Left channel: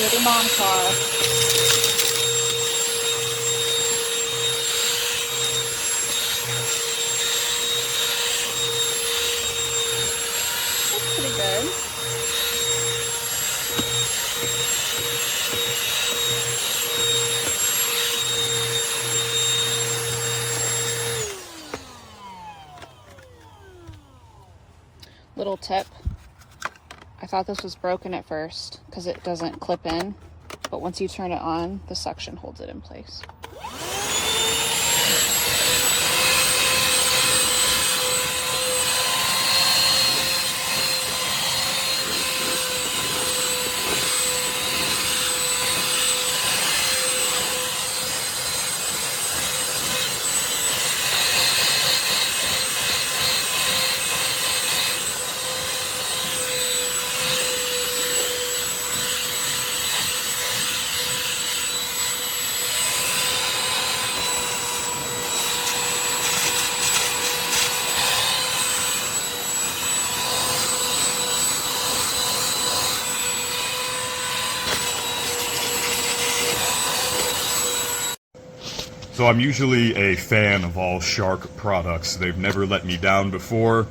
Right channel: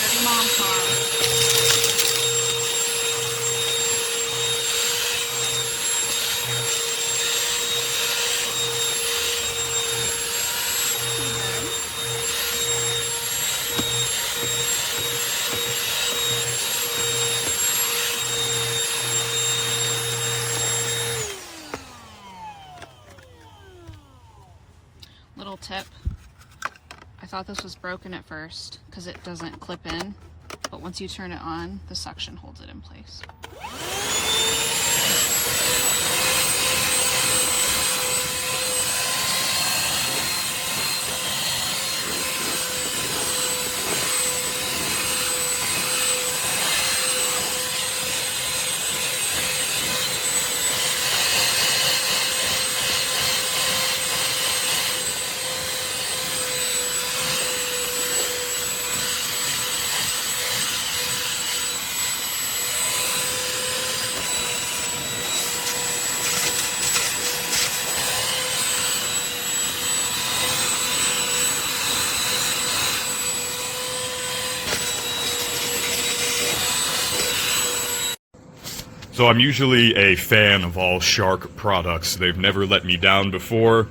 Dirty mom car. Pretty good. Little tip. I thought this was broken at first because it doesn't clip in, but once you turn it on, the suction holds it in place. So I'm usually a fan of all Shark products. They've never let me down before.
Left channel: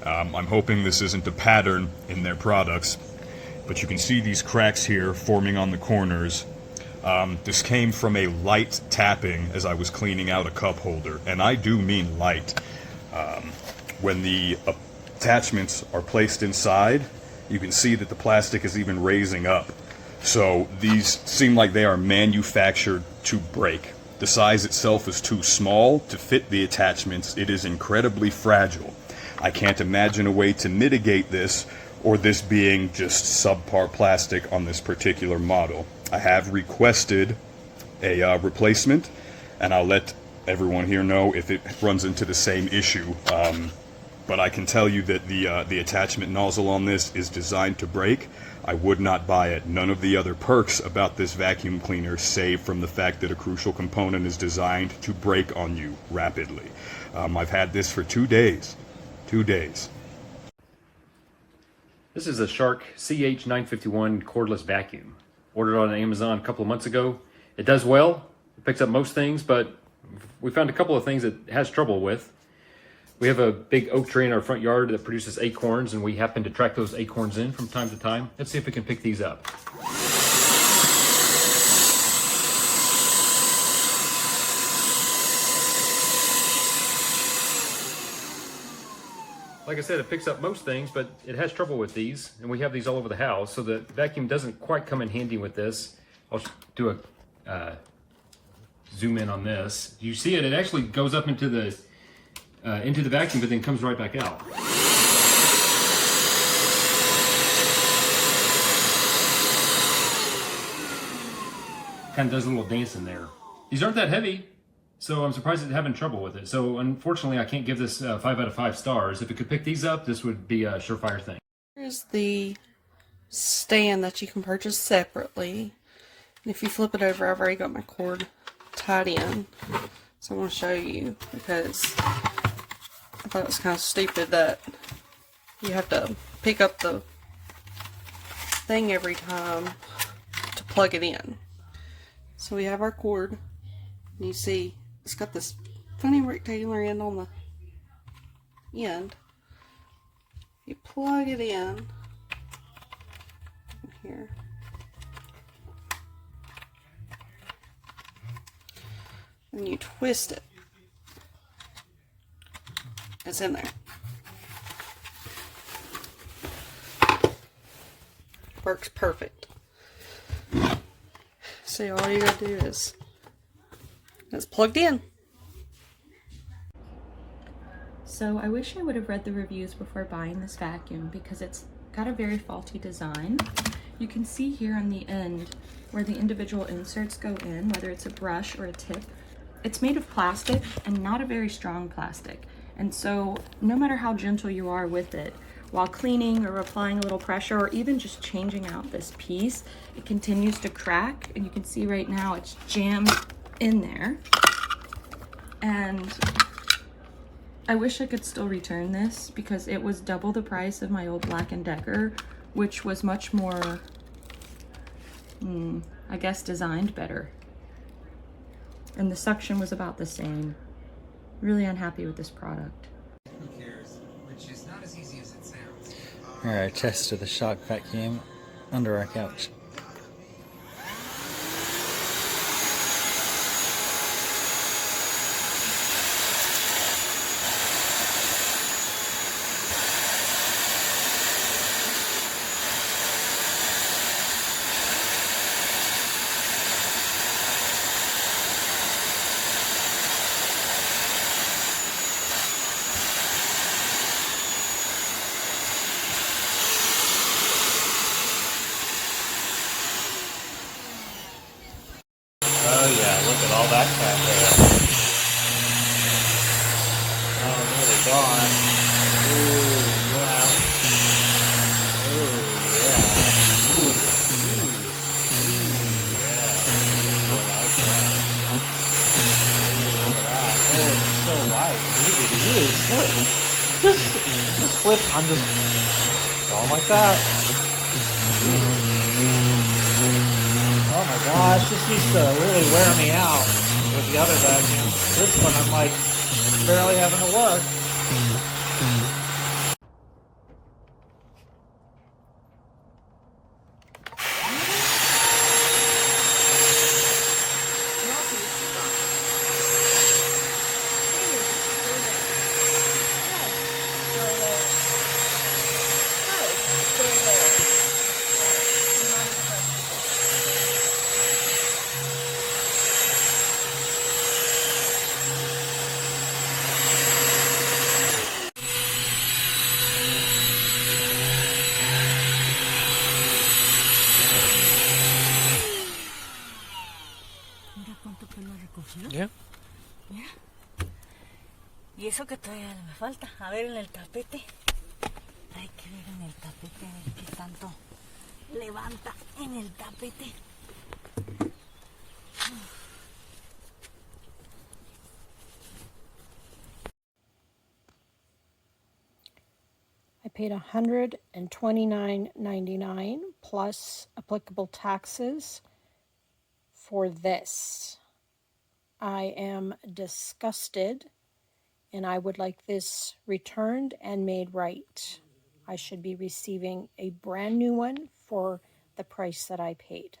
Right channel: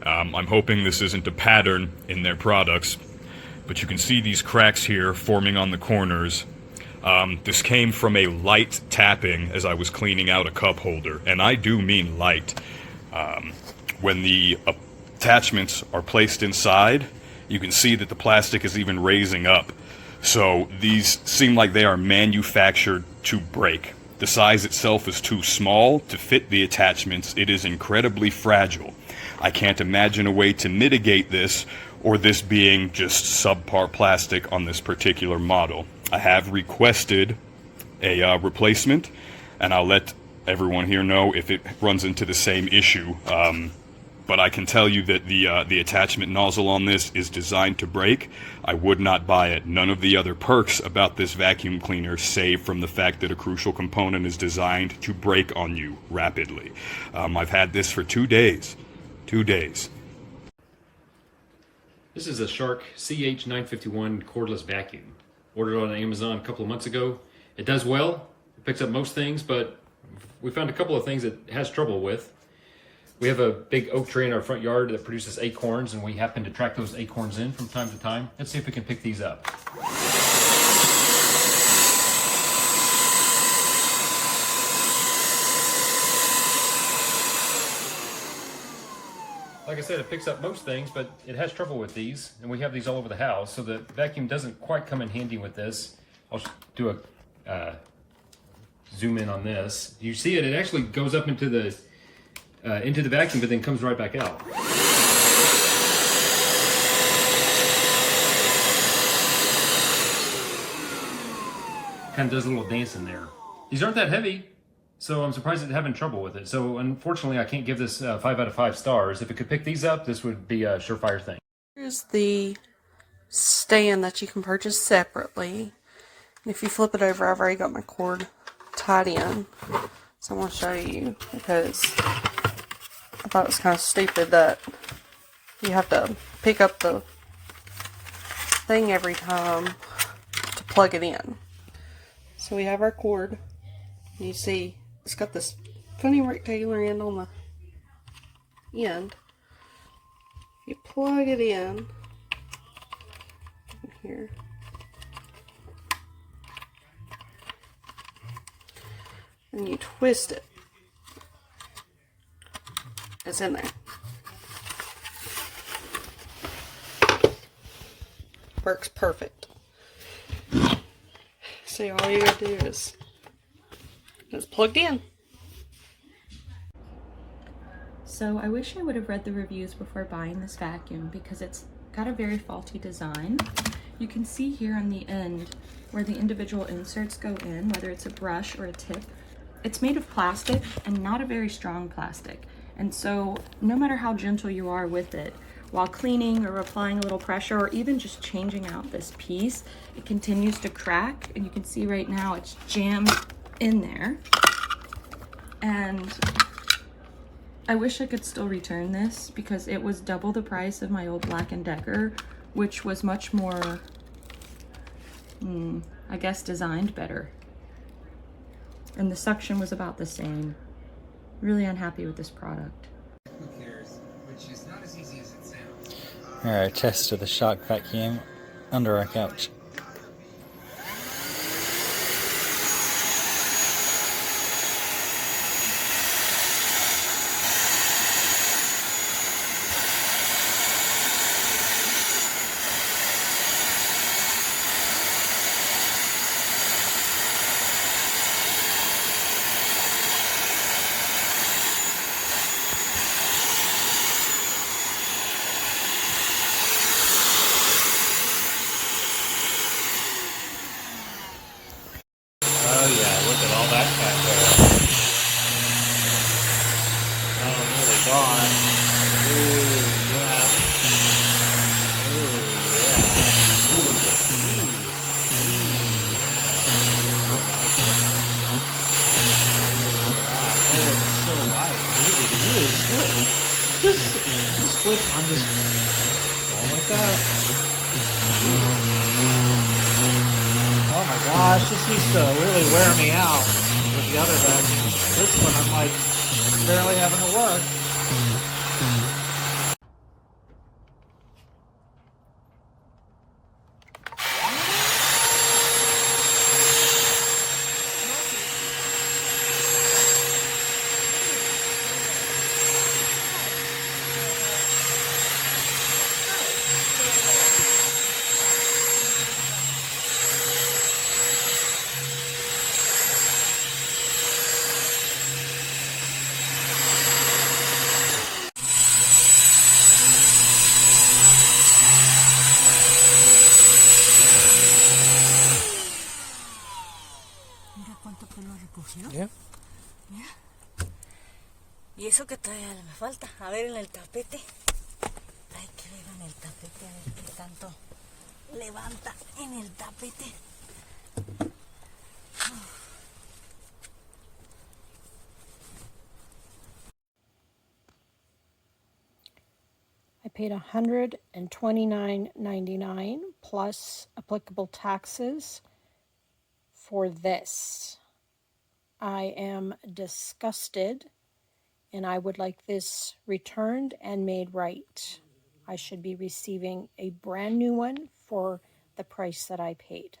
I'm hoping this isn't a pattern in their products, but you can see these cracks here forming on the corners. This came from a light tapping as I was cleaning out a cup holder, and I do mean light. When the attachments are placed inside, you can see that the plastic is even raising up. So these seem like they are manufactured to break. The size itself is too small to fit the attachments. It is incredibly fragile. I can't imagine a way to mitigate this, or this being just subpar plastic on this particular model. I have requested a replacement, and I'll let everyone here know if it runs into the same issue. But I can tell you that the attachment nozzle on this is designed to break. I would not buy it. None of the other perks about this vacuum cleaner, save from the fact that a crucial component is designed to break on you rapidly. I've had this for 2 days. 2 days. This is a Shark CH951 cordless vacuum. Ordered on Amazon a couple of months ago. It does well. It picks up most things, but we found a couple of things it has trouble with. We have a big oak tree in our front yard that produces acorns, and we happen to track those acorns in from time to time. Let's see if we can pick these up. Like I said, it picks up most things, but it has trouble with these, and we have these all over the house, so the vacuum doesn't quite come in handy with this. I'll do a zoom in on this. You see it? It actually goes up into the vacuum, but then comes right back out. Kind of does a little dance in there. These aren't that heavy, so I'm surprised it's having trouble with it. So unfortunately, I can't give this 5 out of 5 stars. If it could pick these up, this would be a surefire thing. Here's the stand that you can purchase separately. And if you flip it over, I've already got my cord tied in. So I want to show you, because I thought it was kind of stupid that you have to pick up the thing every time to plug it in. So we have our cord, and you see it's got this funny rectangular end on the end. You plug it in here. And you twist it. It's in there. Works perfect. So all you gotta do is it's plugged in. So I wish I would have read the reviews before buying this vacuum, because it's got a very faulty design. You can see here on the end where the individual inserts go in, whether it's a brush or a tip. It's made of plastic, and not a very strong plastic. And so no matter how gentle you are with it, while cleaning or applying a little pressure, or even just changing out this piece, it continues to crack. And you can see right now it's jammed in there. And I wish I could still return this, because it was double the price of my old Black & Decker, which was much more I guess designed better. And the suction was about the same. Really unhappy with this product. Who cares? Which is not as easy as it sounds. Alright, test of the shock vacuum under our couch. Oh yeah, look at all that cat hair. Oh, nearly gone. Ooh, yeah. Ooh, yeah. It's so light. Just flip, I'm just going like that. Oh my gosh, this used to really wear me out with the other vacuum. This one I'm like barely having to work. Mira cuánto pelo recogió. Yeah. Mira. Y eso que todavía me falta. A ver en el tapete. Hay que ver en el tapete a ver qué tanto levanta en el tapete. I paid $129.99 plus applicable taxes for this. I am disgusted and I would like this returned and made right. I should be receiving a brand new one for the price that I paid.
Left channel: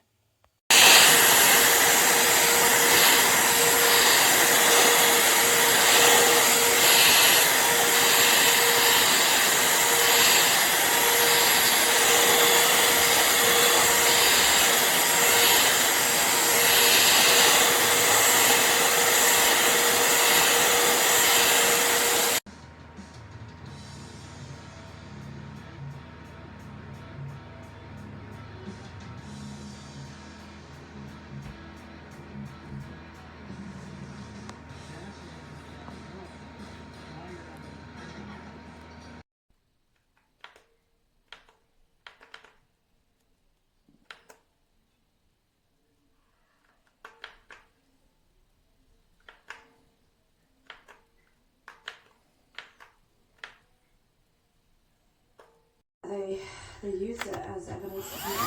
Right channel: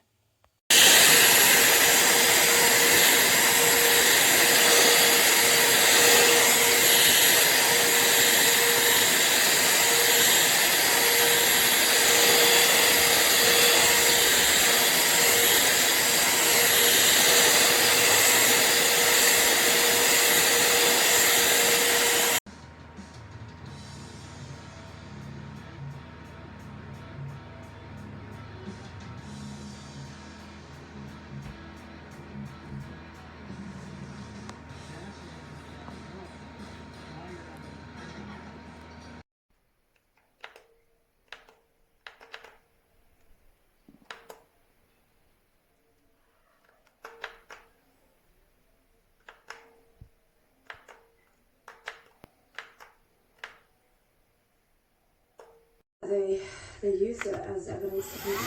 They use it as evidence against.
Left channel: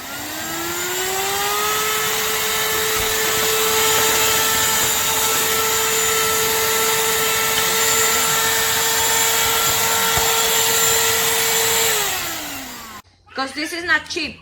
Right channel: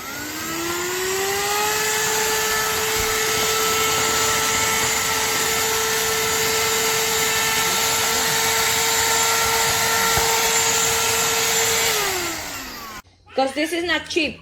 Because this is not cheap.